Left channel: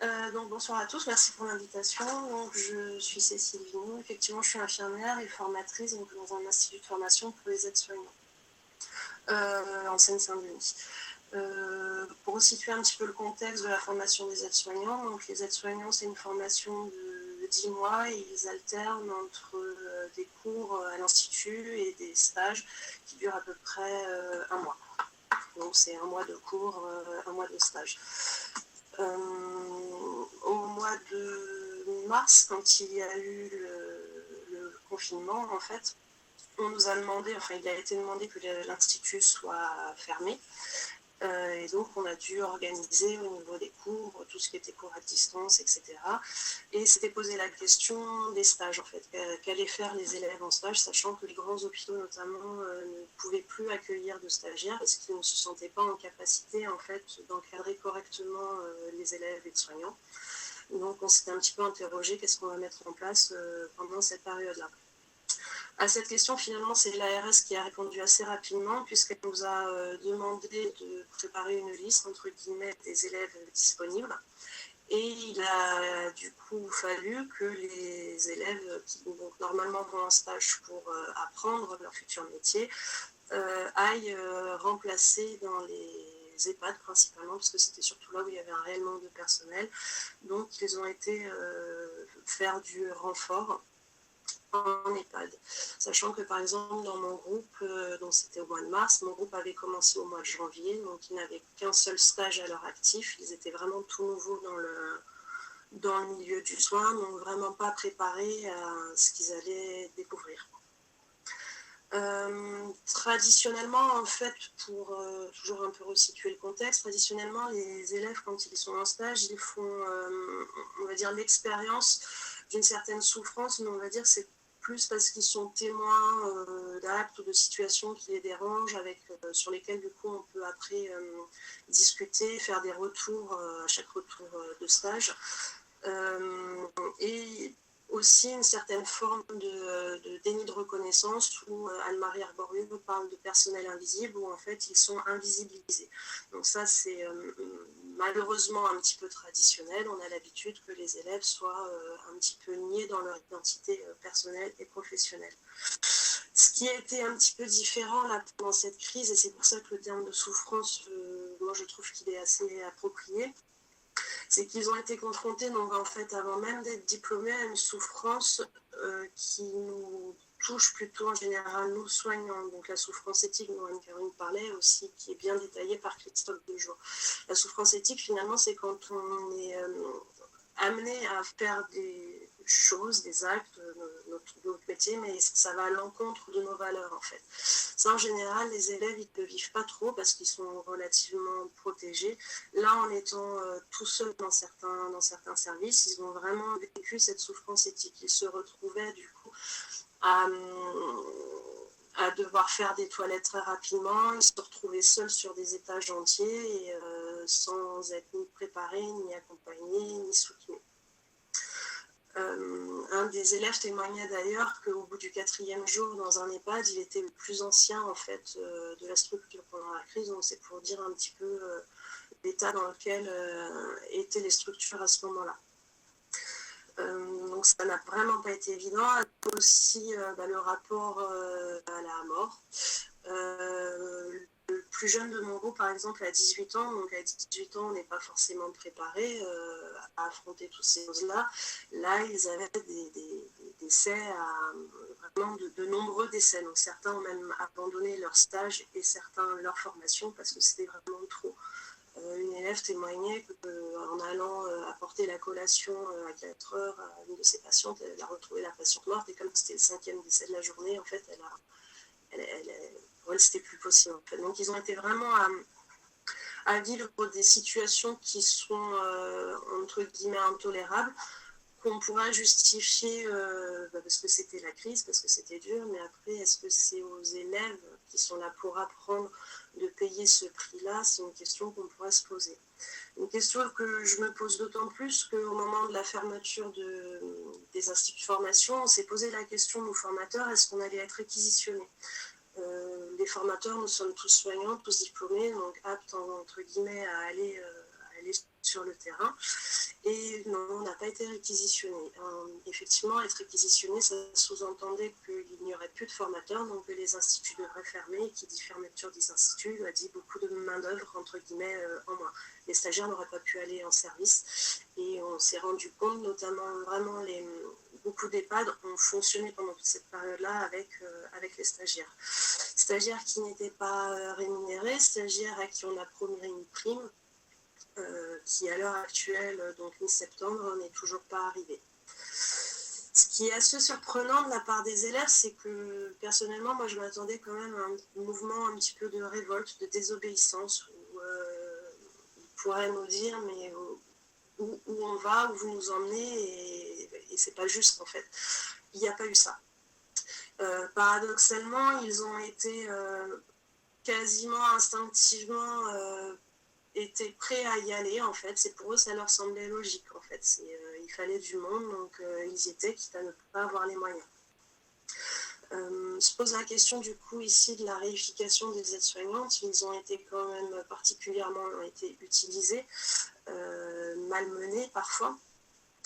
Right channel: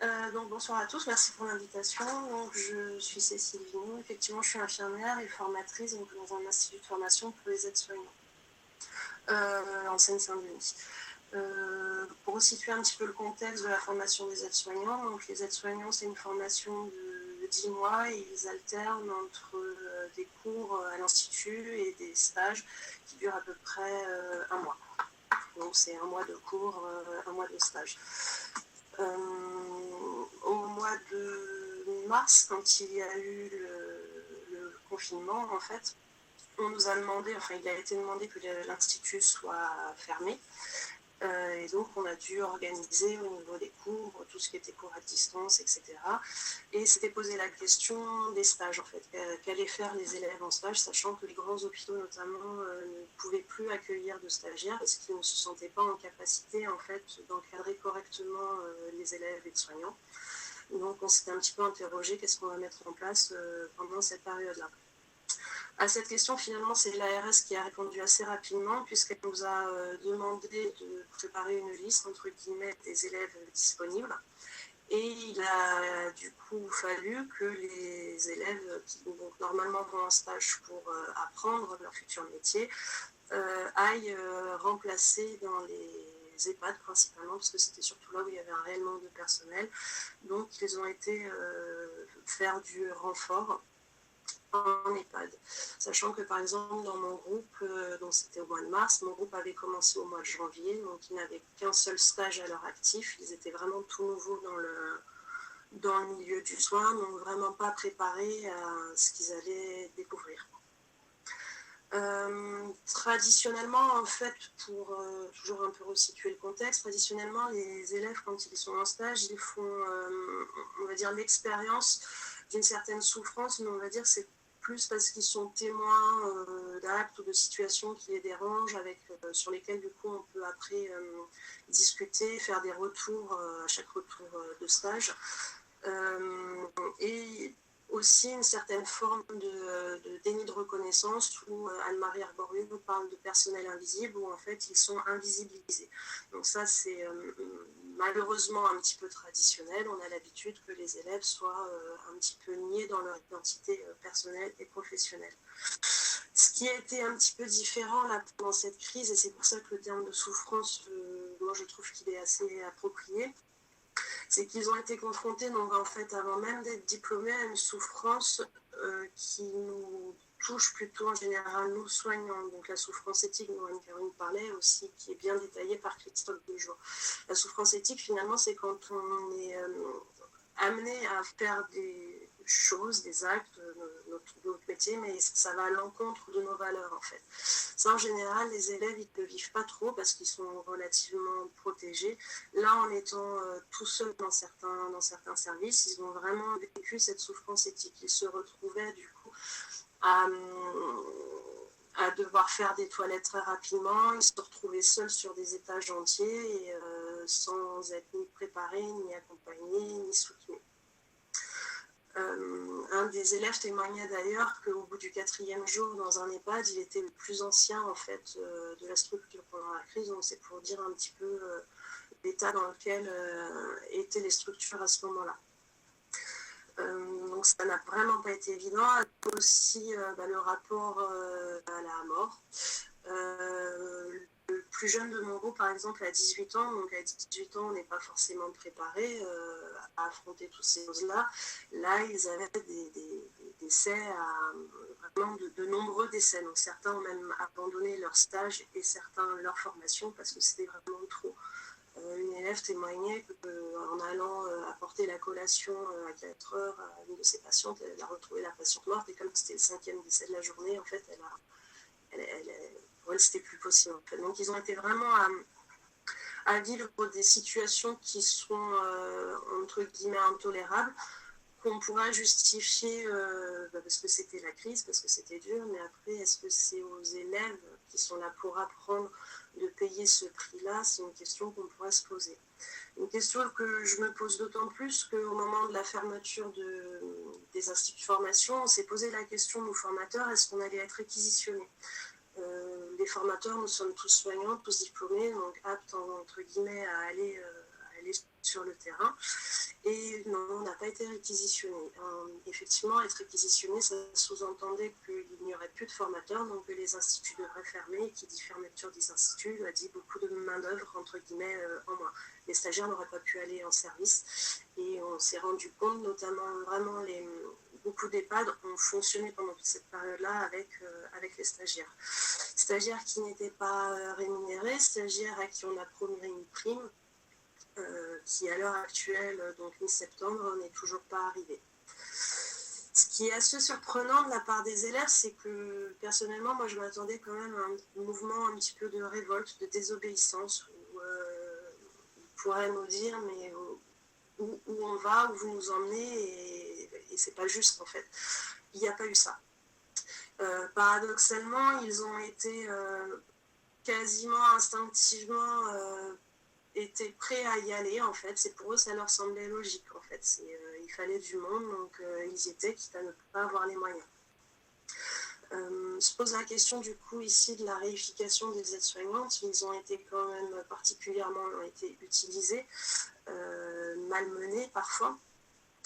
Donc bonsoir à tous, merci pour l'invitation. Donc, je suis Cécile Vignon, effectivement je suis infirmière et formatrice donc, dans un institut de formation pour les aides-soignants en Seine-Saint-Denis. Pour situer un petit peu le contexte de la formation des aides-soignants, donc les aides-soignants c'est une formation de 10 mois et ils alternent entre des cours à l'institut et des stages qui durent à peu près un mois. Donc c'est un mois de cours, un mois de stage. Au mois de mars, quand il y a eu le confinement, en fait, on nous a demandé, enfin il a été demandé que l'institut soit fermé. Et donc on a dû organiser au niveau des cours, tout ce qui était cours à distance, etc. Et s'était posé la question des stages, en fait, qu'allaient faire les élèves en stage, sachant que les grands hôpitaux notamment ne pouvaient plus accueillir de stagiaires parce qu'ils ne se sentaient pas en capacité en fait d'encadrer correctement les élèves et les soignants. Donc on s'était un petit peu interrogé qu'est-ce qu'on va mettre en place pendant cette période-là. À cette question, finalement, c'est l'ARS qui a répondu assez rapidement, puisqu'elle nous a demandé de préparer une liste, entre guillemets, des élèves disponibles. Et il a du coup fallu que les élèves qui donc, normalement vont en stage pour apprendre leur futur métier aillent remplacer dans les EHPAD principalement, parce que c'était surtout là où il y avait un réel manque de personnel. Donc ils ont été faire du renfort en EHPAD. Sachant que par exemple dans mon groupe, donc c'était au mois de mars, mon groupe avait commencé au mois de janvier, donc ils n'avaient qu'un seul stage à leur actif, ils étaient vraiment tout nouveaux dans le milieu du soin, donc vraiment pas préparés à ce qu'ils allaient découvrir. Traditionnellement, en fait, pour toujours un peu resituer le contexte, traditionnellement, les élèves, quand ils sont en stage, ils font, on va dire, l'expérience d'une certaine souffrance, mais on va dire c'est plus parce qu'ils sont témoins d'actes ou de situations qui les dérangent, sur lesquels, du coup, on peut après discuter, faire des retours à chaque retour de stage. Et aussi une certaine forme de déni de reconnaissance où Anne-Marie Arborieux parle de personnel invisible où en fait ils sont invisibilisés. Donc ça c'est malheureusement un petit peu traditionnel. On a l'habitude que les élèves soient un petit peu niés dans leur identité personnelle et professionnelle. Ce qui a été un petit peu différent là pendant cette crise, et c'est pour ça que le terme de souffrance, moi je trouve qu'il est assez approprié, c'est qu'ils ont été confrontés, donc en fait, avant même d'être diplômés, à une souffrance qui nous touche plutôt en général nous soignants. Donc la souffrance éthique dont Anne-Caroline parlait aussi, qui est bien détaillée par Christophe Dejour. La souffrance éthique, finalement, c'est quand on est amené à faire des choses, des actes de notre métier, mais ça va à l'encontre de nos valeurs en fait. Ça en général, les élèves ils ne le vivent pas trop parce qu'ils sont relativement protégés. Là, en étant tout seuls dans certains services, ils ont vraiment vécu cette souffrance éthique. Ils se retrouvaient du coup à, à devoir faire des toilettes très rapidement. Ils se retrouvaient seuls sur des étages entiers et sans être ni préparés, ni accompagnés, ni soutenus. Un des élèves témoignait d'ailleurs qu'au bout du 4e jour dans un EHPAD, il était le plus ancien en fait de la structure pendant la crise. Donc c'est pour dire un petit peu l'état dans lequel étaient les structures à ce moment-là. Donc ça n'a vraiment pas été évident. Aussi le rapport à la mort. Le plus jeune de mon groupe, par exemple, a 18 ans. Donc à 18 ans, on n'est pas forcément préparé à affronter toutes ces choses-là. Là, ils avaient des décès, vraiment de nombreux décès. Donc certains ont même abandonné leur stage et certains leur formation parce que c'était vraiment trop. Une élève témoignait qu'en allant apporter la collation à 4 heures à une de ses patientes, elle a retrouvé la patiente morte et comme c'était le 5e décès de la journée, en fait, pour elle, c'était plus possible. En fait. Donc, ils ont été vraiment à vivre des situations qui sont, entre guillemets, intolérables, qu'on pourra justifier parce que c'était la crise, parce que c'était dur, mais après, est-ce que c'est aux élèves qui sont là pour apprendre de payer ce prix-là? C'est une question qu'on pourra se poser. Une question que je me pose d'autant plus qu'au moment de la fermeture des instituts de formation, on s'est posé la question, nous formateurs, est-ce qu'on allait être réquisitionnés? Les formateurs, nous sommes tous soignants, tous diplômés, donc aptes, entre guillemets, à aller aller sur le terrain. Et non, on n'a pas été réquisitionné. Effectivement, être réquisitionné, ça sous-entendait qu'il n'y aurait plus de formateurs, donc que les instituts devraient fermer. Et qui dit fermeture des instituts, a dit beaucoup de main-d'œuvre, entre guillemets, en moins. Les stagiaires n'auraient pas pu aller en service. Et on s'est rendu compte, notamment vraiment beaucoup d'EHPAD ont fonctionné pendant toute cette période-là avec les stagiaires. Stagiaires qui n'étaient pas rémunérés, stagiaires à qui on a promis une prime, qui à l'heure actuelle, donc mi-septembre, n'est toujours pas arrivée. Ce qui est assez surprenant de la part des élèves, c'est que personnellement, moi je m'attendais quand même à un mouvement un petit peu de révolte, de désobéissance, où ils pourraient nous dire mais où on va, où vous nous emmenez, et c'est pas juste en fait. Il n'y a pas eu ça. Paradoxalement, ils ont été quasiment instinctivement étaient prêts à y aller en fait. C'est pour eux, ça leur semblait logique en fait. Il fallait du monde, donc ils y étaient, quitte à ne pas avoir les moyens. Se pose la question du coup ici de la réification des aides-soignantes. Ils ont été quand même particulièrement utilisés, malmenés parfois.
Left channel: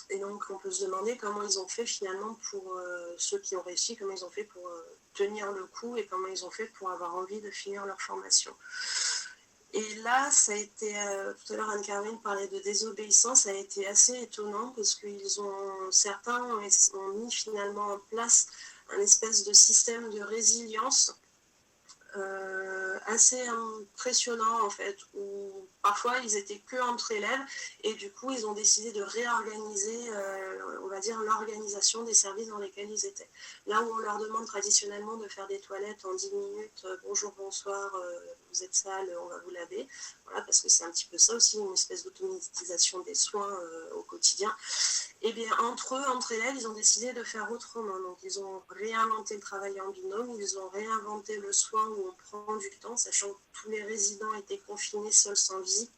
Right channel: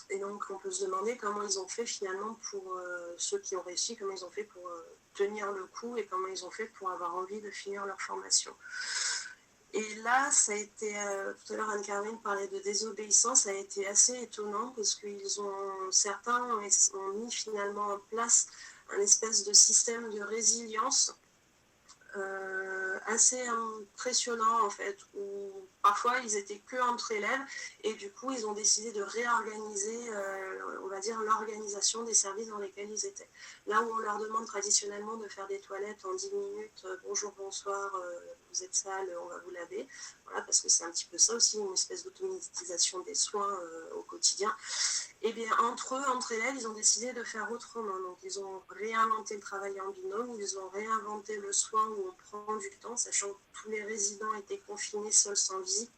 Et donc on peut se demander comment ils ont fait finalement pour ceux qui ont réussi, comment ils ont fait pour tenir le coup et comment ils ont fait pour avoir envie de finir leur formation. Et là, ça a été, tout à l'heure Anne-Caroline parlait de désobéissance, ça a été assez étonnant parce que certains ont mis finalement en place un espèce de système de résilience assez impressionnant en fait, où parfois ils étaient que entre élèves et du coup ils ont décidé de réorganiser, on va dire, l'organisation des services dans lesquels ils étaient. Là où on leur demande traditionnellement de faire des toilettes en 10 minutes, bonjour, bonsoir, vous êtes sale, on va vous laver, voilà, parce que c'est un petit peu ça aussi, une espèce d'automatisation des soins au quotidien. Et bien entre élèves, ils ont décidé de faire autrement. Donc ils ont réinventé le travail en binôme, ils ont réinventé le soin où on prend du temps, sachant que tous les résidents étaient confinés seuls sans visite.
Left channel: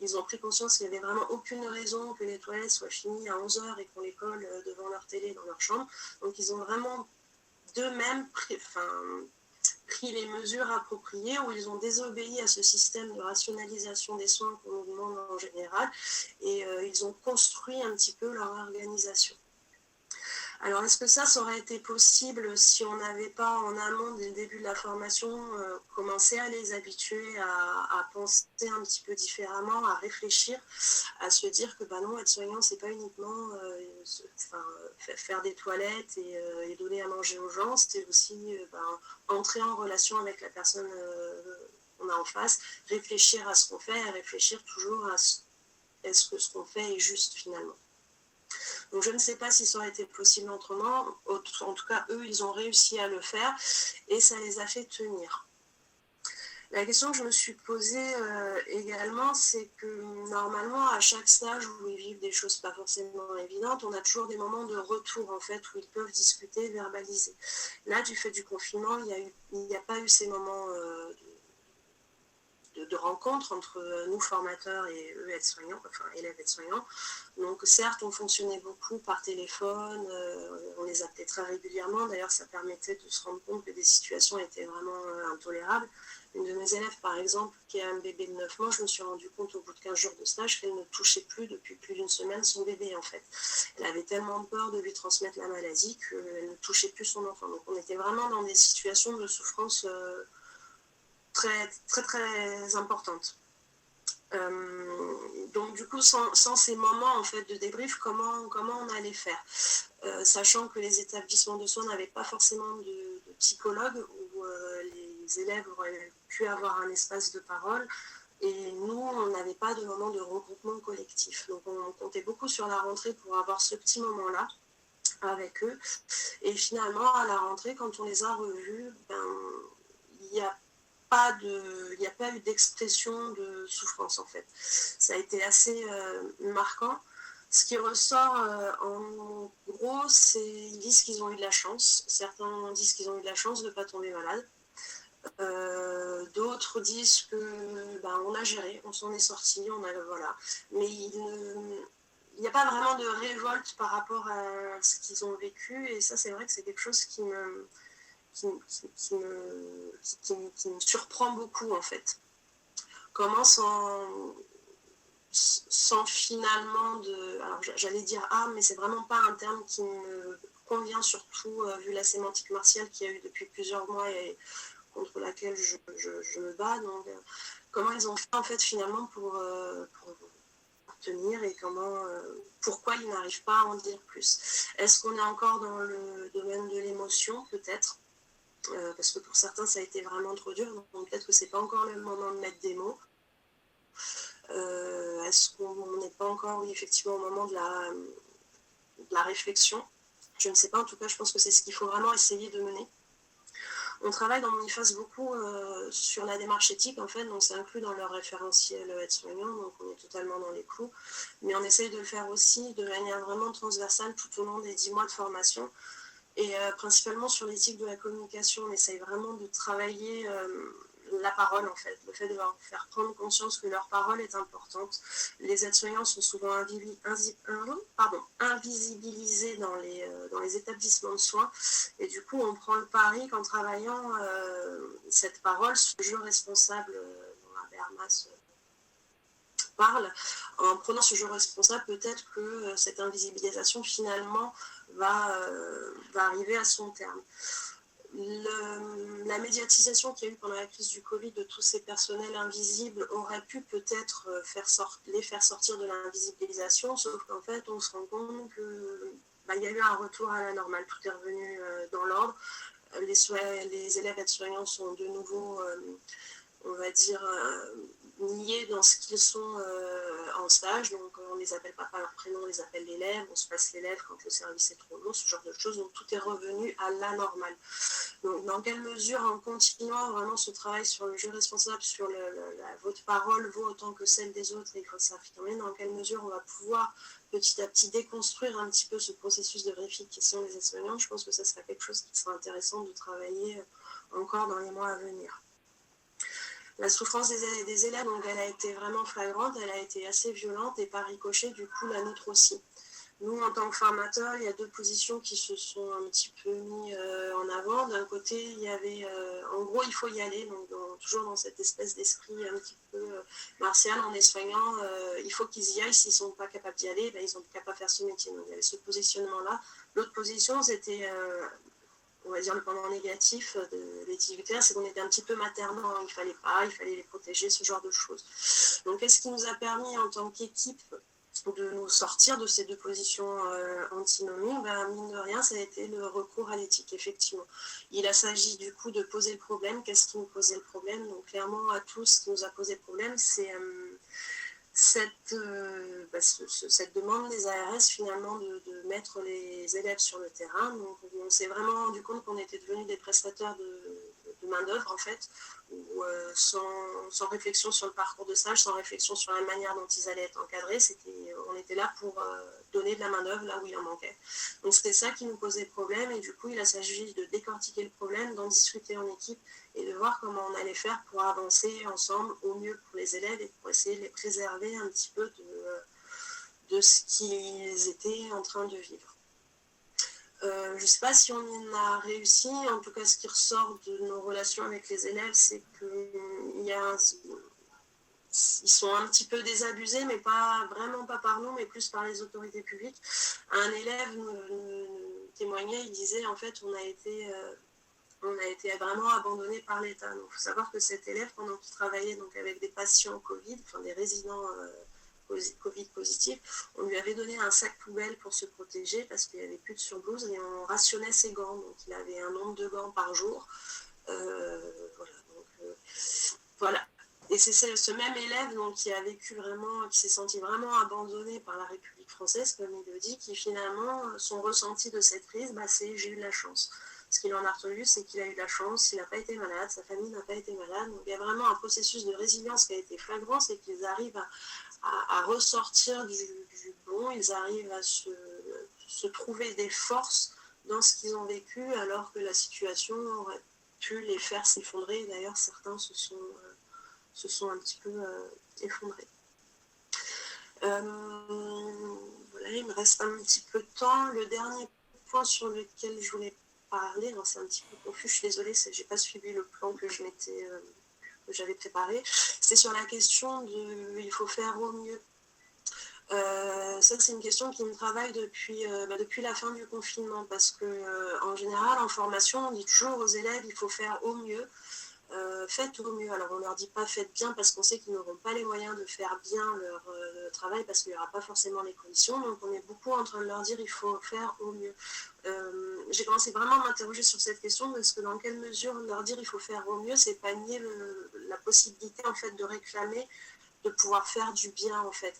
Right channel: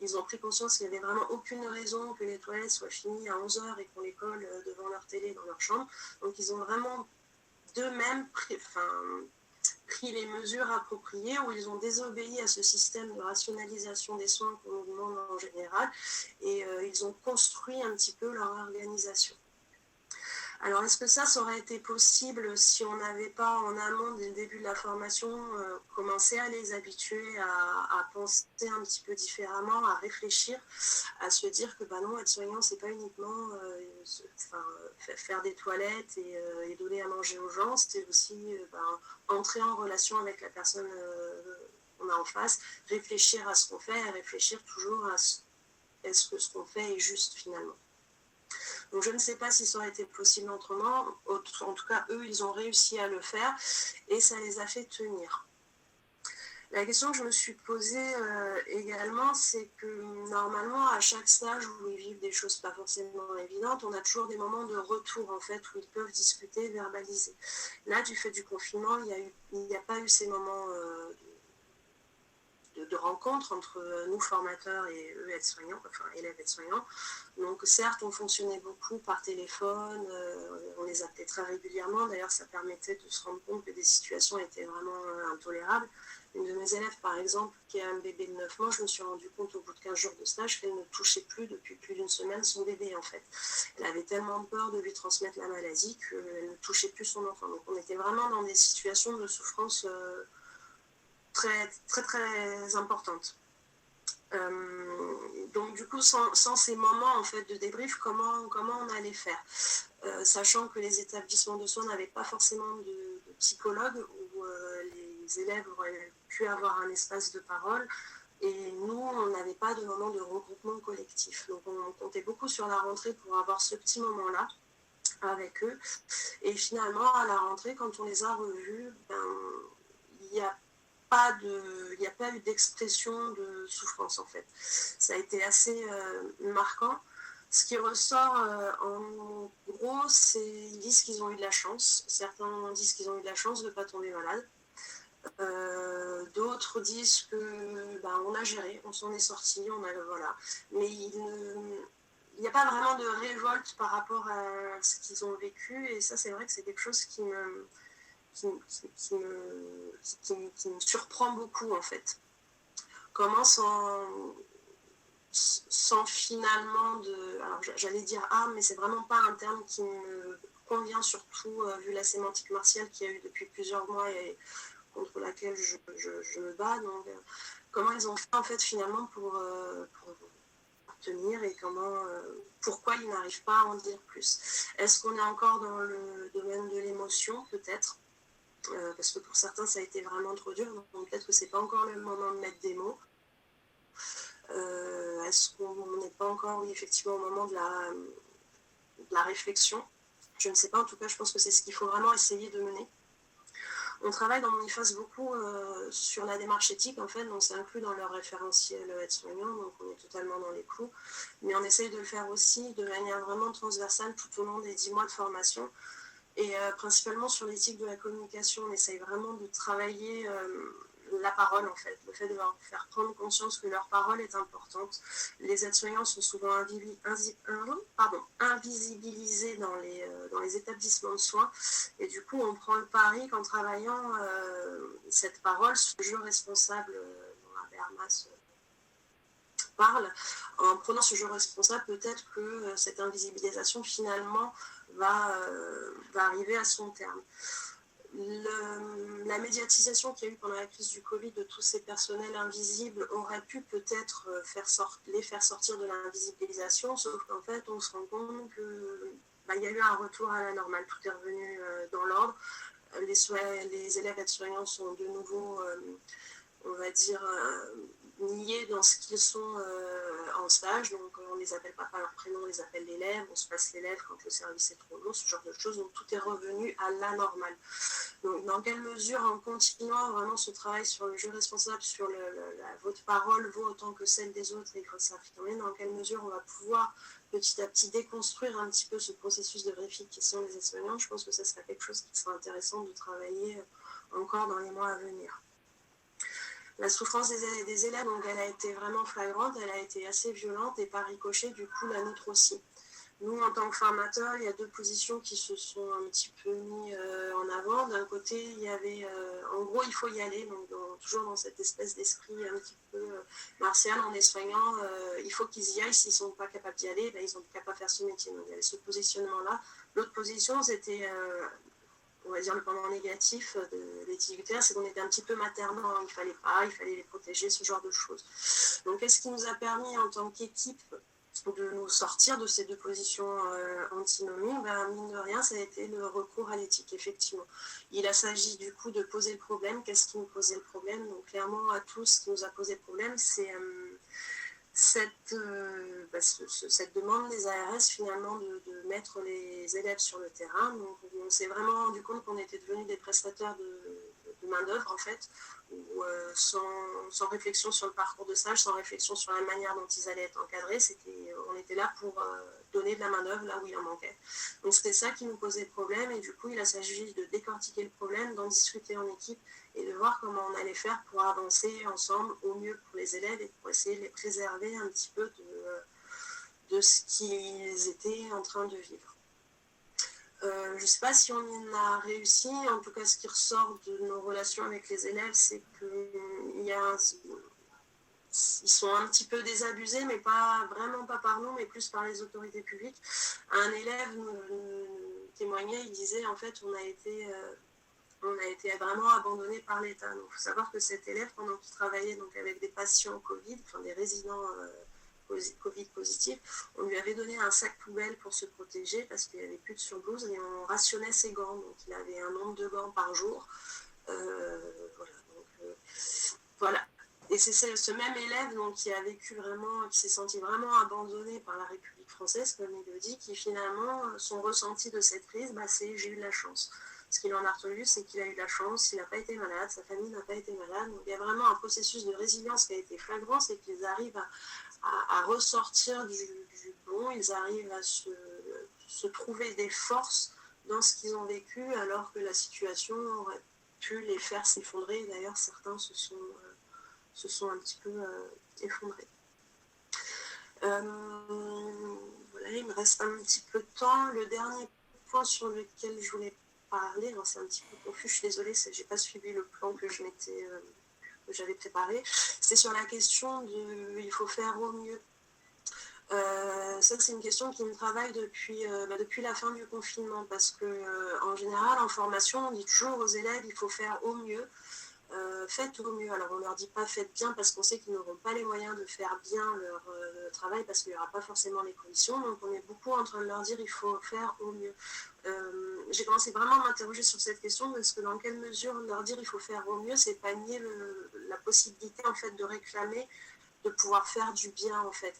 Ils ont pris conscience qu'il n'y avait vraiment aucune raison que les toilettes soient finies à 11h et qu'on les colle devant leur télé dans leur chambre. Donc ils ont vraiment d'eux-mêmes pris les mesures appropriées, où ils ont désobéi à ce système de rationalisation des soins qu'on nous demande en général, et ils ont construit un petit peu leur organisation. Alors, est-ce que ça aurait été possible si on n'avait pas, en amont, dès le début de la formation, commencé à les habituer à penser un petit peu différemment, à réfléchir, à se dire que non, être soignant, c'est pas uniquement faire des toilettes et donner à manger aux gens, c'était aussi entrer en relation avec la personne qu'on a en face, réfléchir à ce qu'on fait et réfléchir toujours à est-ce que ce qu'on fait est juste finalement. Donc je ne sais pas si ça aurait été possible autrement. En tout cas, eux, ils ont réussi à le faire et ça les a fait tenir. La question que je me suis posée également, c'est que normalement, à chaque stage où ils vivent des choses pas forcément évidentes, on a toujours des moments de retour, en fait, où ils peuvent discuter, verbaliser. Là, du fait du confinement, il n'y a pas eu ces moments de rencontre entre nous formateurs et eux aides-soignants, enfin élèves aides-soignants. Donc certes, on fonctionnait beaucoup par téléphone, on les appelait très régulièrement, d'ailleurs ça permettait de se rendre compte que des situations étaient vraiment intolérables. Une de mes élèves par exemple, qui a un bébé de 9 mois, je me suis rendu compte au bout de 15 jours de stage qu'elle ne touchait plus depuis plus d'une semaine son bébé en fait. Elle avait tellement peur de lui transmettre la maladie qu'elle ne touchait plus son enfant. Donc on était vraiment dans des situations de souffrance très, très, très importante. Donc du coup, sans ces moments en fait de débrief, comment on allait faire, sachant que les établissements de soins n'avaient pas forcément de psychologue où les élèves auraient pu avoir un espace de parole, et nous, on n'avait pas de moment de regroupement collectif. Donc on comptait beaucoup sur la rentrée pour avoir ce petit moment-là avec eux. Et finalement, à la rentrée, quand on les a revus, il n'y a pas eu d'expression de souffrance en fait. Ça a été assez marquant. Ce qui ressort en gros, c'est ils disent qu'ils ont eu de la chance. Certains disent qu'ils ont eu de la chance de ne pas tomber malade. D'autres disent que on a géré, on s'en est sorti, voilà. Mais il n'y a pas vraiment de révolte par rapport à ce qu'ils ont vécu, et ça c'est vrai que c'est quelque chose qui me surprend beaucoup en fait. Comment sans finalement de... Alors j'allais dire mais c'est vraiment pas un terme qui me convient, surtout vu la sémantique martiale qu'il y a eu depuis plusieurs mois et contre laquelle je me bats. Donc comment ils ont fait en fait finalement pour tenir et pourquoi ils n'arrivent pas à en dire plus. Est-ce qu'on est encore dans le domaine de l'émotion? Peut-être. Parce que pour certains ça a été vraiment trop dur, donc peut-être que c'est pas encore le moment de mettre des mots. Est-ce qu'on n'est pas encore, oui, effectivement, au moment de la réflexion? Je ne sais pas, en tout cas, je pense que c'est ce qu'il faut vraiment essayer de mener. On travaille dans Moniface beaucoup sur la démarche éthique, en fait, donc c'est inclus dans leur référentiel aide-soignant, donc on est totalement dans les clous. Mais on essaye de le faire aussi de manière vraiment transversale tout au long des 10 mois de formation, et principalement sur l'éthique de la communication. On essaye vraiment de travailler la parole, en fait, le fait de leur faire prendre conscience que leur parole est importante. Les aides-soignants sont souvent invisibilisés dans les établissements de soins, et du coup on prend le pari qu'en travaillant cette parole, ce jeu responsable dont Habermas parle, en prenant ce jeu responsable, peut-être que cette invisibilisation finalement va arriver à son terme. La médiatisation qu'il y a eu pendant la crise du Covid de tous ces personnels invisibles aurait pu peut-être les faire sortir de l'invisibilisation, sauf qu'en fait on se rend compte qu'il y a eu un retour à la normale, tout est revenu dans l'ordre. Les élèves aides-soignants sont de nouveau, on va dire, niés dans ce qu'ils sont en stage, donc on ne les appelle pas par leur prénom, on les appelle l'élève, on se passe l'élève quand le service est trop long, ce genre de choses, donc tout est revenu à la normale. Donc dans quelle mesure, en continuant vraiment ce travail sur le jeu responsable, sur votre parole vaut autant que celle des autres et il faut s'affirmer, dans quelle mesure on va pouvoir petit à petit déconstruire un petit peu ce processus de vérification des aides-soignants, je pense que ça sera quelque chose qui sera intéressant de travailler encore dans les mois à venir. La souffrance des élèves, donc, elle a été vraiment flagrante, elle a été assez violente et par ricochet, du coup, la nôtre aussi. Nous, en tant que formateurs, il y a deux positions qui se sont un petit peu mis en avant. D'un côté, il y avait, en gros, il faut y aller, donc toujours dans cette espèce d'esprit un petit peu martial, en les soignant, il faut qu'ils y aillent. S'ils ne sont pas capables d'y aller, ils n'ont qu'à pas faire ce métier. Donc il y avait ce positionnement-là. L'autre position, c'était... on va dire le pendant négatif de l'éthique utéraire, c'est qu'on était un petit peu maternant, il fallait les protéger, ce genre de choses. Donc qu'est-ce qui nous a permis en tant qu'équipe de nous sortir de ces deux positions antinomiques? Mine de rien, ça a été le recours à l'éthique, effectivement. Il a s'agi du coup de poser le problème. Qu'est-ce qui nous posait le problème? Donc clairement, à tous, ce qui nous a posé le problème, c'est cette demande des ARS finalement de mettre les élèves sur le terrain. Donc on s'est vraiment rendu compte qu'on était devenus des prestataires de main-d'œuvre en fait, où, sans réflexion sur le parcours de stage, sans réflexion sur la manière dont ils allaient être encadrés, on était là pour donner de la main-d'œuvre là où il en manquait. Donc c'était ça qui nous posait problème, et du coup il a s'agi de décortiquer le problème, d'en discuter en équipe et de voir comment on allait faire pour avancer ensemble au mieux pour les élèves et pour essayer de les préserver un petit peu de ce qu'ils étaient en train de vivre. Je ne sais pas si on y a réussi, en tout cas ce qui ressort de nos relations avec les élèves, c'est ils sont un petit peu désabusés, mais vraiment pas par nous, mais plus par les autorités publiques. Un élève nous témoignait, il disait en fait on a été vraiment abandonné par l'État. Donc, il faut savoir que cet élève, pendant qu'il travaillait donc, avec des patients Covid, enfin des résidents Covid positifs, on lui avait donné un sac poubelle pour se protéger parce qu'il n'y avait plus de surblouse et on rationnait ses gants. Donc, il avait un nombre de gants par jour. Voilà. Et c'est ce même élève donc, qui s'est senti vraiment abandonné par la République française, comme il le dit, qui finalement, son ressenti de cette crise, c'est j'ai eu de la chance. Ce qu'il en a retenu, c'est qu'il a eu de la chance, il n'a pas été malade, sa famille n'a pas été malade. Donc il y a vraiment un processus de résilience qui a été flagrant, c'est qu'ils arrivent à ressortir du bon, ils arrivent à se trouver des forces dans ce qu'ils ont vécu, alors que la situation aurait pu les faire s'effondrer. D'ailleurs, certains se sont un petit peu effondrés. Voilà, il me reste un petit peu de temps. Le dernier point sur lequel je voulais parler, alors c'est un petit peu confus, je suis désolée, j'ai pas suivi le plan que j'avais préparé. C'est sur la question il faut faire au mieux. Ça, c'est une question qui me travaille depuis la fin du confinement, parce que en général, en formation, on dit toujours aux élèves, il faut faire au mieux. Faites au mieux. Alors on leur dit pas faites bien parce qu'on sait qu'ils n'auront pas les moyens de faire bien leur travail parce qu'il n'y aura pas forcément les conditions. Donc on est beaucoup en train de leur dire il faut faire au mieux. J'ai commencé vraiment à m'interroger sur cette question parce que dans quelle mesure leur dire il faut faire au mieux, c'est pas nier la possibilité en fait de réclamer de pouvoir faire du bien en fait.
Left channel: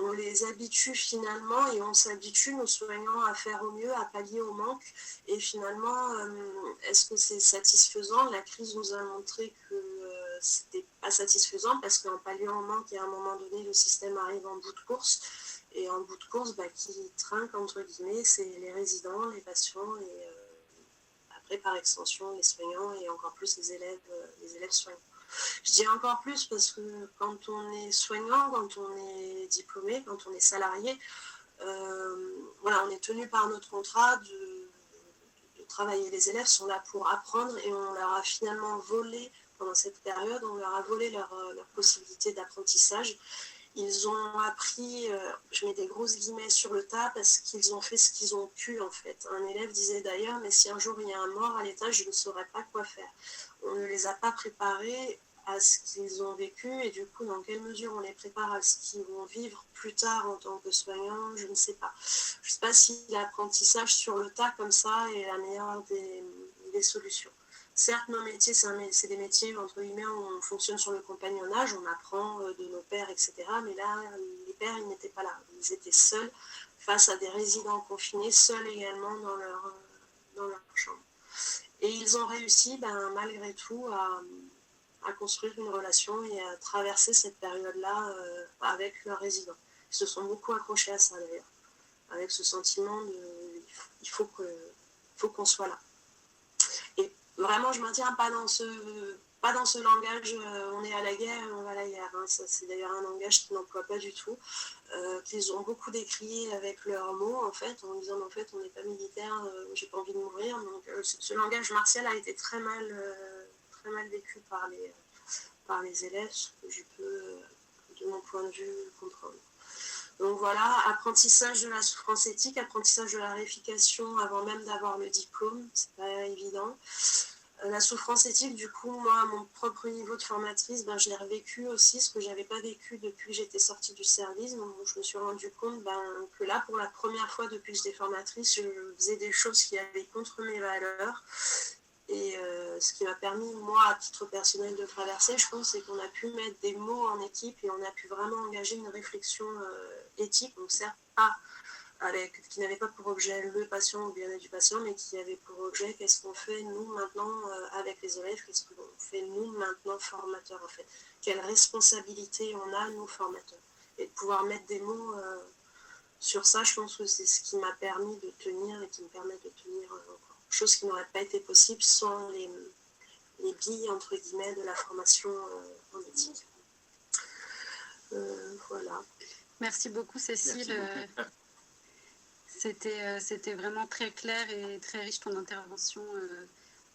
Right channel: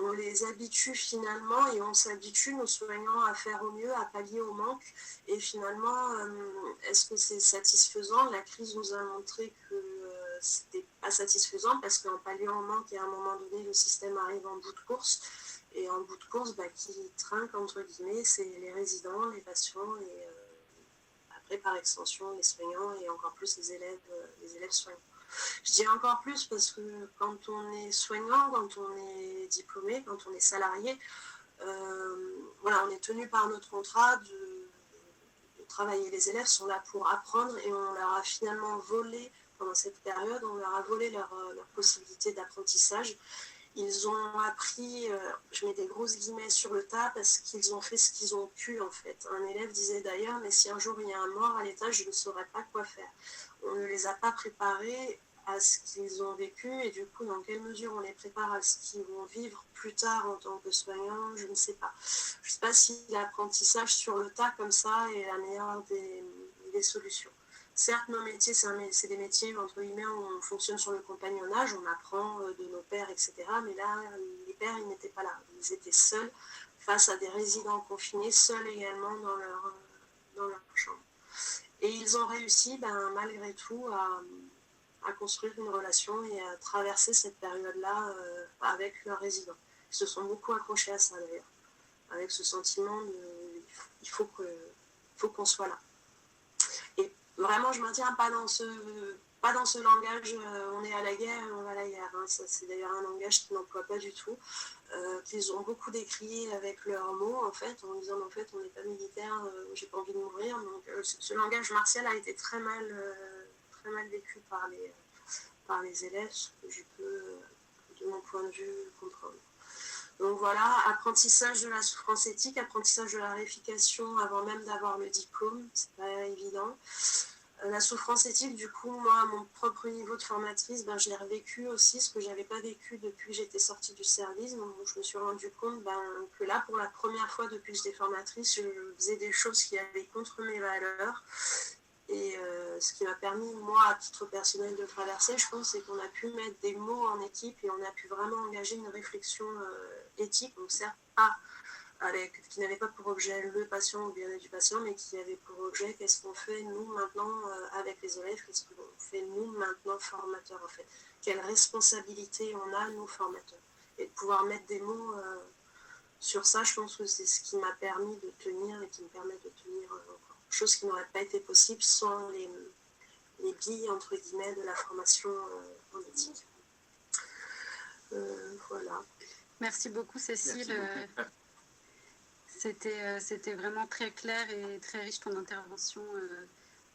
On les habitue finalement et on s'habitue, nos soignants, à faire au mieux, à pallier au manque. Et finalement, est-ce que c'est satisfaisant? La crise nous a montré que c'était pas satisfaisant parce qu'en palliant au manque, à un moment donné, le système arrive en bout de course. Et en bout de course, qui trinque, entre guillemets, c'est les résidents, les patients et après, par extension, les soignants et encore plus les élèves soignants. Je dis encore plus parce que quand on est soignant, quand on est diplômé, quand on est salarié, on est tenu par notre contrat de travailler. Les élèves sont là pour apprendre et on leur a finalement volé, pendant cette période, on leur a volé leur possibilité d'apprentissage. Ils ont appris, je mets des grosses guillemets sur le tas, parce qu'ils ont fait ce qu'ils ont pu en fait. Un élève disait d'ailleurs, mais si un jour il y a un mort à l'étage, je ne saurais pas quoi faire. On ne les a pas préparés à ce qu'ils ont vécu et du coup dans quelle mesure on les prépare à ce qu'ils vont vivre plus tard en tant que soignants, je ne sais pas. Je ne sais pas si l'apprentissage sur le tas comme ça est la meilleure des solutions. Certes, nos métiers, c'est des métiers, entre guillemets, où on fonctionne sur le compagnonnage, on apprend de nos pairs, etc. Mais là, les pairs, ils n'étaient pas là. Ils étaient seuls face à des résidents confinés, seuls également dans leur chambre. Et ils ont réussi, malgré tout, à construire une relation et à traverser cette période-là avec leurs résidents. Ils se sont beaucoup accrochés à ça, d'ailleurs, avec ce sentiment de il faut qu'on soit là. Et vraiment, je ne maintiens pas dans ce langage on est à la guerre et on va à la guerre. Hein. Ça, c'est d'ailleurs un langage qu'ils n'emploient pas du tout, qu'ils ont beaucoup décrié avec leurs mots, en fait, en disant en fait, on n'est pas militaire, j'ai pas envie de mourir. Donc, ce langage martial a été très mal vécu par les élèves, ce que je peux, de mon point de vue, comprendre. Donc voilà, apprentissage de la souffrance éthique, apprentissage de la réification avant même d'avoir le diplôme, c'est pas évident. La souffrance éthique, du coup, moi, à mon propre niveau de formatrice, je l'ai revécu aussi, ce que je n'avais pas vécu depuis que j'étais sortie du service. Donc, je me suis rendu compte que là, pour la première fois depuis que j'étais formatrice, je faisais des choses qui allaient contre mes valeurs. Et ce qui m'a permis, moi, à titre personnel, de traverser, je pense, c'est qu'on a pu mettre des mots en équipe et on a pu vraiment engager une réflexion éthique, donc certes pas qui n'avait pas pour objet le patient ou le bien-être du patient, mais qui avait pour objet qu'est-ce qu'on fait nous maintenant avec les élèves, qu'est-ce qu'on fait nous maintenant formateurs en fait, quelle responsabilité on a nous formateurs, et de pouvoir mettre des mots sur ça, je pense que c'est ce qui m'a permis de tenir et qui me permet de tenir encore. Chose qui n'aurait pas été possible sans les billes, entre guillemets, de la formation en éthique. Voilà. Merci beaucoup, Cécile. C'était vraiment très clair et très riche ton intervention.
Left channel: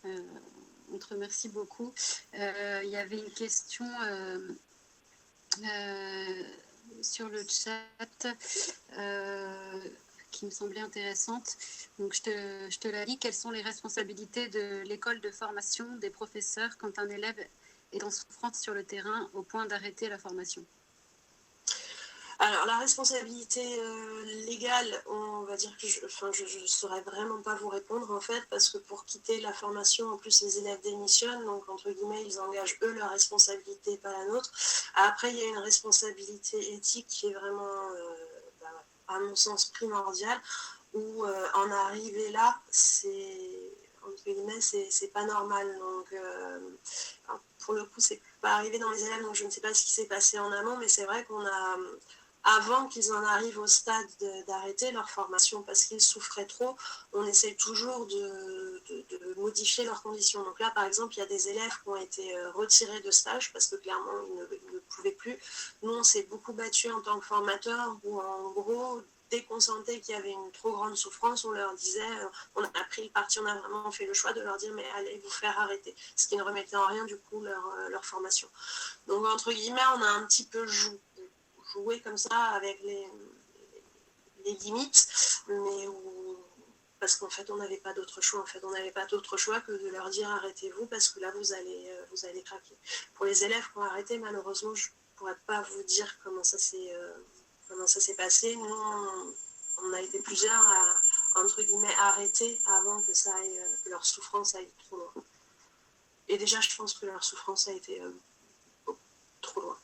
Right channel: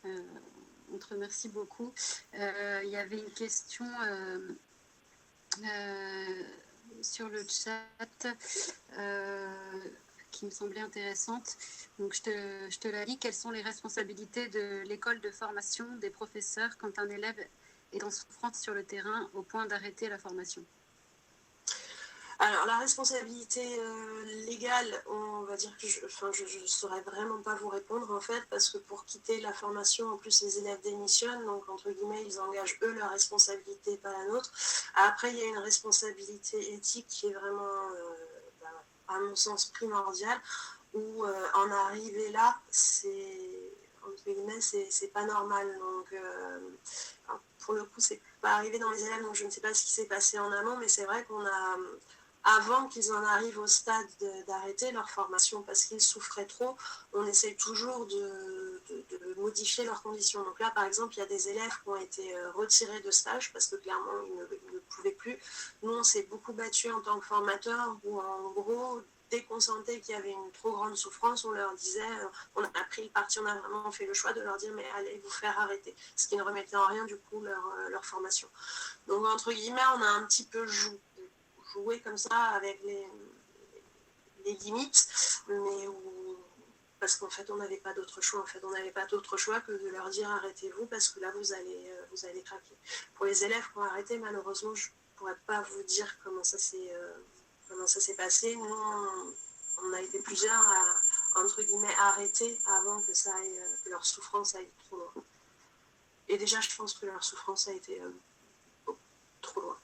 On te remercie beaucoup. Il y avait une question sur le chat qui me semblait intéressante. Donc, je te la lis. Quelles sont les responsabilités de l'école de formation des professeurs quand un élève est en souffrance sur le terrain au point d'arrêter la formation? Alors, la responsabilité légale, on va dire que je ne saurais vraiment pas vous répondre, en fait, parce que pour quitter la formation, en plus, les élèves démissionnent, donc, entre guillemets, ils engagent, eux, leur responsabilité, pas la nôtre. Après, il y a une responsabilité éthique qui est vraiment, à mon sens, primordiale, où en arriver là, entre guillemets, c'est pas normal. Donc, pour le coup, c'est pas arrivé dans les élèves, donc je ne sais pas ce qui s'est passé en amont, mais c'est vrai qu'on a... Avant qu'ils en arrivent au stade d'arrêter leur formation parce qu'ils souffraient trop, on essaye toujours de modifier leurs conditions. Donc là, par exemple, il y a des élèves qui ont été retirés de stage parce que clairement, ils ne pouvaient plus. Nous, on s'est beaucoup battu en tant que formateurs où, en gros, dès qu'on sentait qu'il y avait une trop grande souffrance, on leur disait, on a pris le parti, on a vraiment fait le choix de leur dire, mais allez vous faire arrêter. Ce qui ne remettait en rien, du coup, leur formation. Donc, entre guillemets, on a un petit peu joué comme ça avec des limites, mais parce qu'en fait, on n'avait pas d'autre choix. En fait, on n'avait pas d'autre choix que de leur dire arrêtez-vous parce que là, vous allez craquer. Pour les élèves qui ont arrêté, malheureusement, je ne pourrais pas vous dire comment ça s'est passé. Nous, on a été plusieurs à, entre guillemets, arrêter avant que que leur souffrance aille trop loin. Et déjà, je pense que leur souffrance a été trop loin.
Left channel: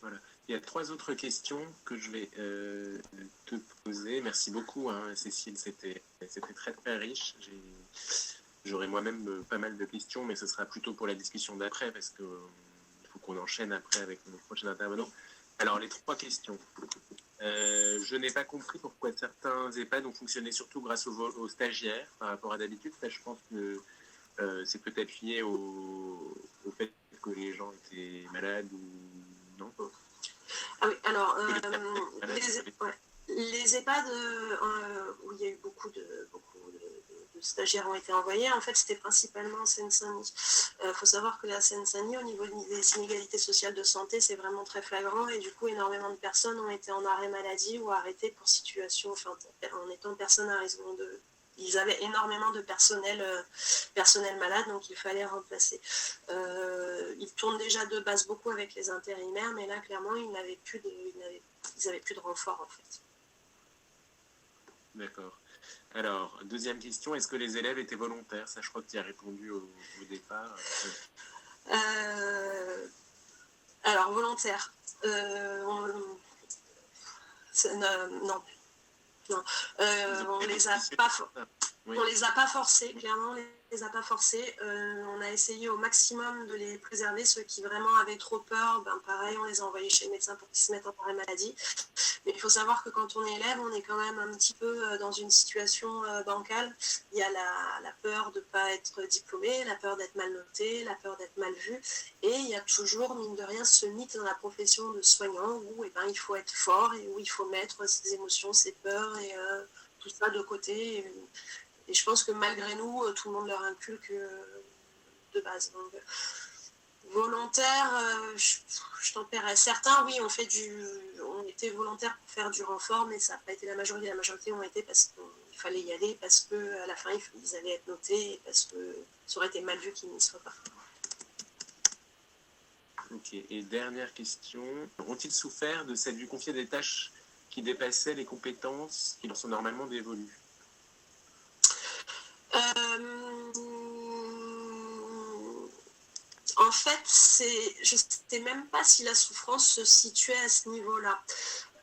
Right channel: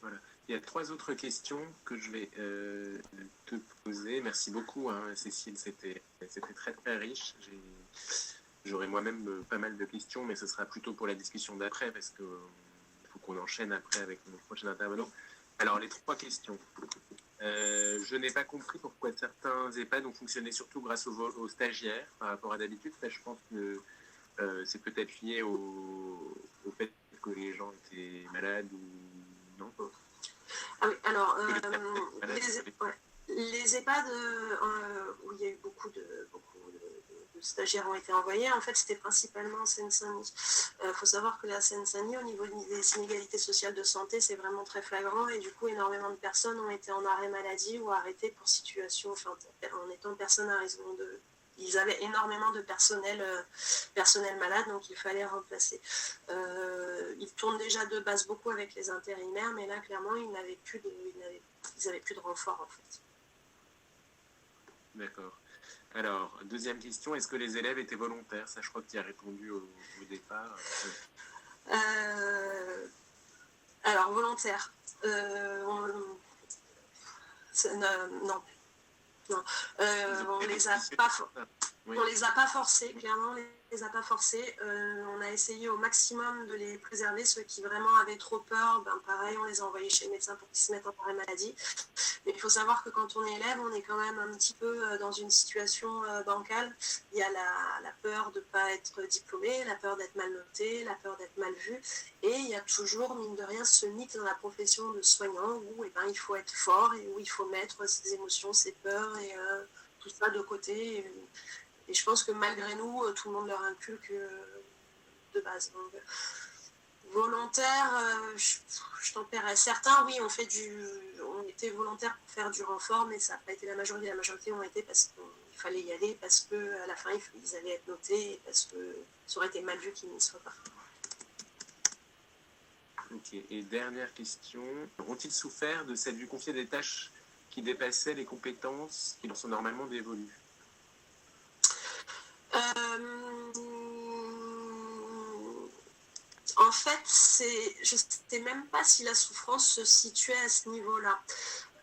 Voilà. Il y a 3 autres questions que je vais te poser. Merci beaucoup, Cécile. C'était très, très riche. J'aurai moi-même pas mal de questions, mais ce sera plutôt pour la discussion d'après, parce qu'il faut qu'on enchaîne après avec notre prochain intervenant. Alors, les 3 questions. Je n'ai pas compris pourquoi certains EHPAD ont fonctionné surtout grâce aux stagiaires par rapport à d'habitude. Ça, je pense que c'est peut-être lié au fait que les gens étaient malades ou non. Ah oui, alors, les EHPAD où il y a eu beaucoup de stagiaires ont été envoyés, en fait, c'était principalement en Seine-Saint-Denis. Faut savoir que la Seine-Saint-Denis, au niveau des inégalités sociales de santé, c'est vraiment très flagrant et du coup, énormément de personnes ont été en arrêt maladie ou arrêtées pour situation, enfin, en étant personnes à raison de... Ils avaient énormément de personnel malade, donc il fallait remplacer. Ils tournent déjà de base beaucoup avec les intérimaires, mais là, clairement, ils n'avaient plus de renfort, en fait. D'accord. Alors, deuxième question, est-ce que les élèves étaient volontaires? Ça, je crois que tu y as répondu au départ. Alors, volontaire. Non. On les a pas forcés, clairement, on les a pas forcés. On a essayé au maximum de les préserver. Ceux qui vraiment avaient trop peur, pareil, on les a envoyés chez le médecin pour qu'ils se mettent en arrêt maladie. Mais il faut savoir que quand on est élève, on est quand même un petit peu dans une situation bancale. Il y a la peur de ne pas être diplômé, la peur d'être mal noté, la peur d'être mal vu. Et il y a toujours, mine de rien, ce mythe dans la profession de soignant où il faut être fort et où il faut mettre ses émotions, ses peurs et tout ça de côté. Et je pense que malgré nous, tout le monde leur inculque de base. Donc, volontaire, je tempérais. Certains, oui, on était volontaires pour faire du renfort, mais ça n'a pas été la majorité. La majorité ont été parce qu'il fallait y aller, parce qu'à la fin, ils allaient être notés, et parce que ça aurait été mal vu qu'ils n'y soient pas. Ok, et dernière question. Ont-ils souffert de cette vue confiée des tâches qui dépassaient les compétences qui leur sont normalement dévolues? En fait, je ne sais même pas si la souffrance se situait à ce niveau-là.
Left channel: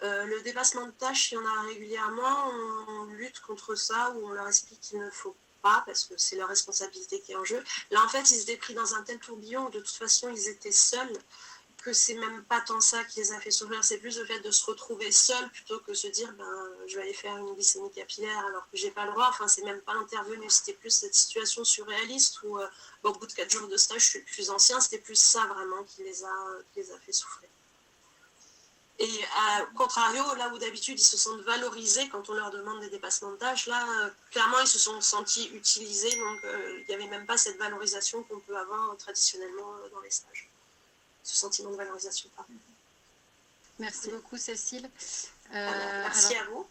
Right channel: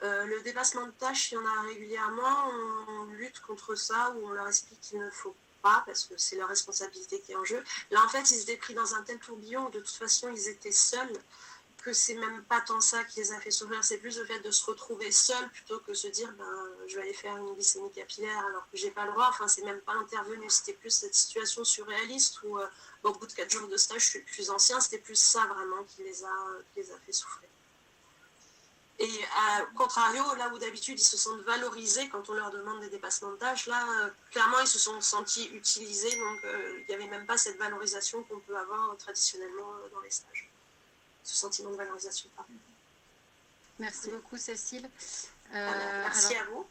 Le dépassement de tâches, il y en a régulièrement, on lutte contre ça, ou on leur explique qu'il ne faut pas, parce que c'est leur responsabilité qui est en jeu. Là, en fait, ils étaient pris dans un tel tourbillon où de toute façon, ils étaient seuls, que c'est même pas tant ça qui les a fait souffrir, c'est plus le fait de se retrouver seul plutôt que se dire je vais aller faire une glycémie capillaire alors que j'ai pas le droit. Enfin, c'est même pas intervenu, c'était plus cette situation surréaliste où au bout de 4 jours de stage, je suis le plus ancien, c'était plus ça vraiment qui les a fait souffrir. Et au contrario, là où d'habitude ils se sentent valorisés quand on leur demande des dépassements de tâches, là clairement ils se sont sentis utilisés, donc il n'y avait même pas cette valorisation qu'on peut avoir traditionnellement dans les stages. Ce sentiment de valorisation. Merci beaucoup, Cécile. Merci à vous.